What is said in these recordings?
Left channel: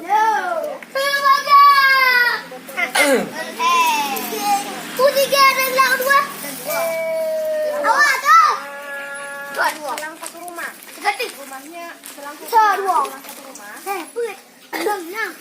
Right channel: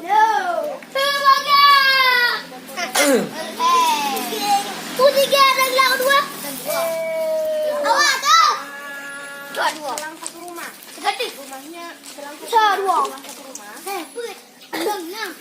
No. Semoga. Tiga dan lawan dua. Awak tak? Dua. Satu rumah. Berarti rumahnya dua. Satu rumah. Put. Lang.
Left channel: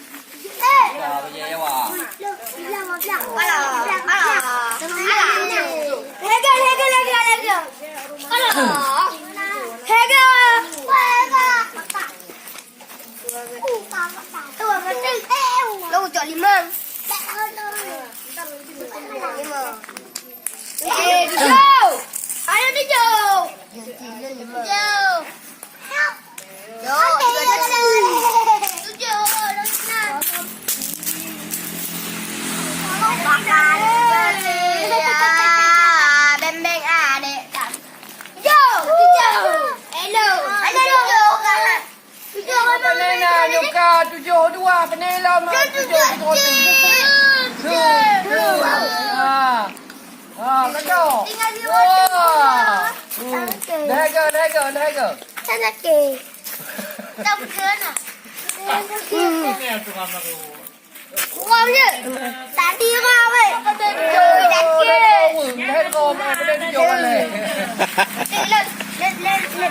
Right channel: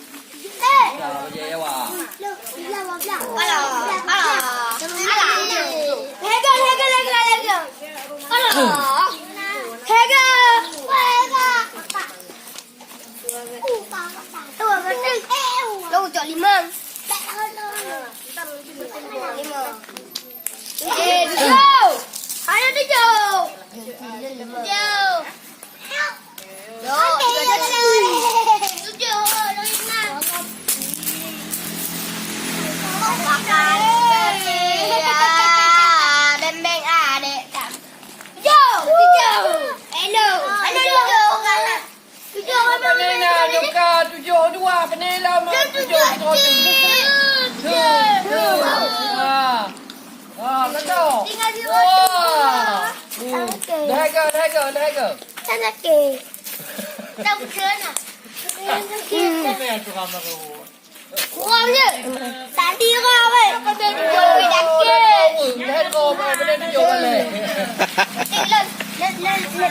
Tujuh dua penela mah tujuh Katok. Tinggal di rumah. Lega. Anak ke. Tak berkena. Kurang je. Tadi ramai. Dah ke. Lega tujuh boleh.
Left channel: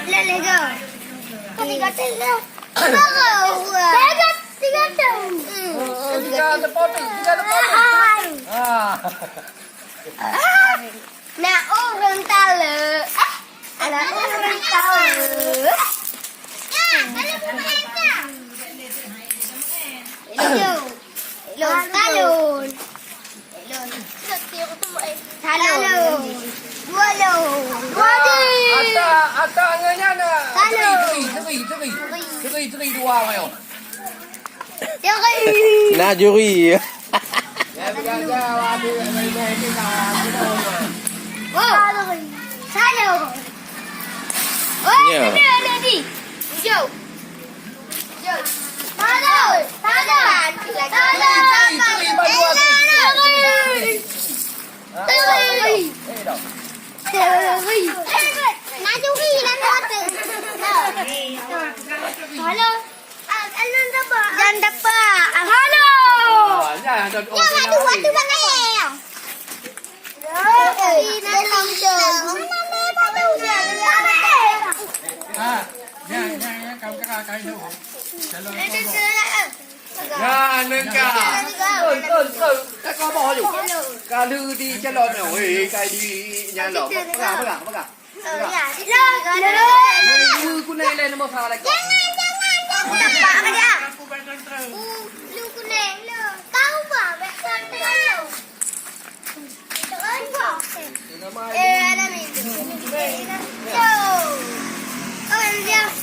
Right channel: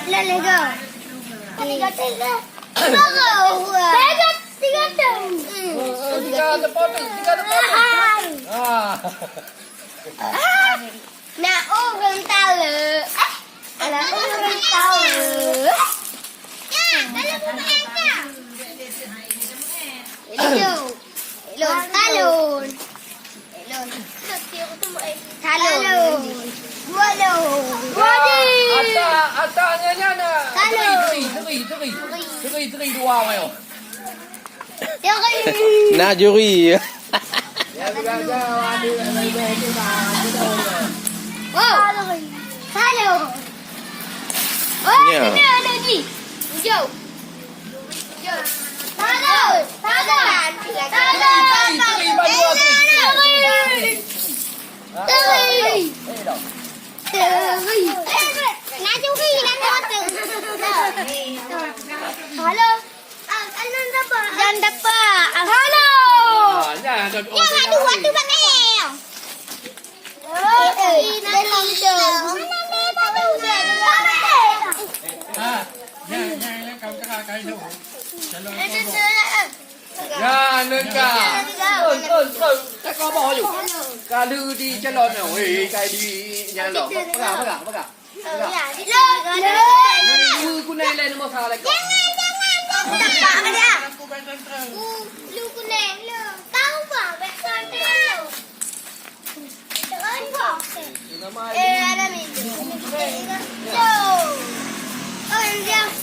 Lega. Tiga. Tiga tahun. Tiga terpotong. Nak orang tahu. Anak orang tahu. Kalau pemain kah? Talon. Atasnya nak. Teri dua mayo. Nak juri. Ya. Jangan dapat. Halo. Jangan Aduh panggil. Nha lên cả. Các con bòอยู่. Cả lư đi chân lợn này. Ôi cái đi nhà lợn. Bắt cả. Lư con này lên nó sao lại. Jangan. Lu kuning lu. Tahu bah bekan lu. Ada minum. Jauh. Oh, dia.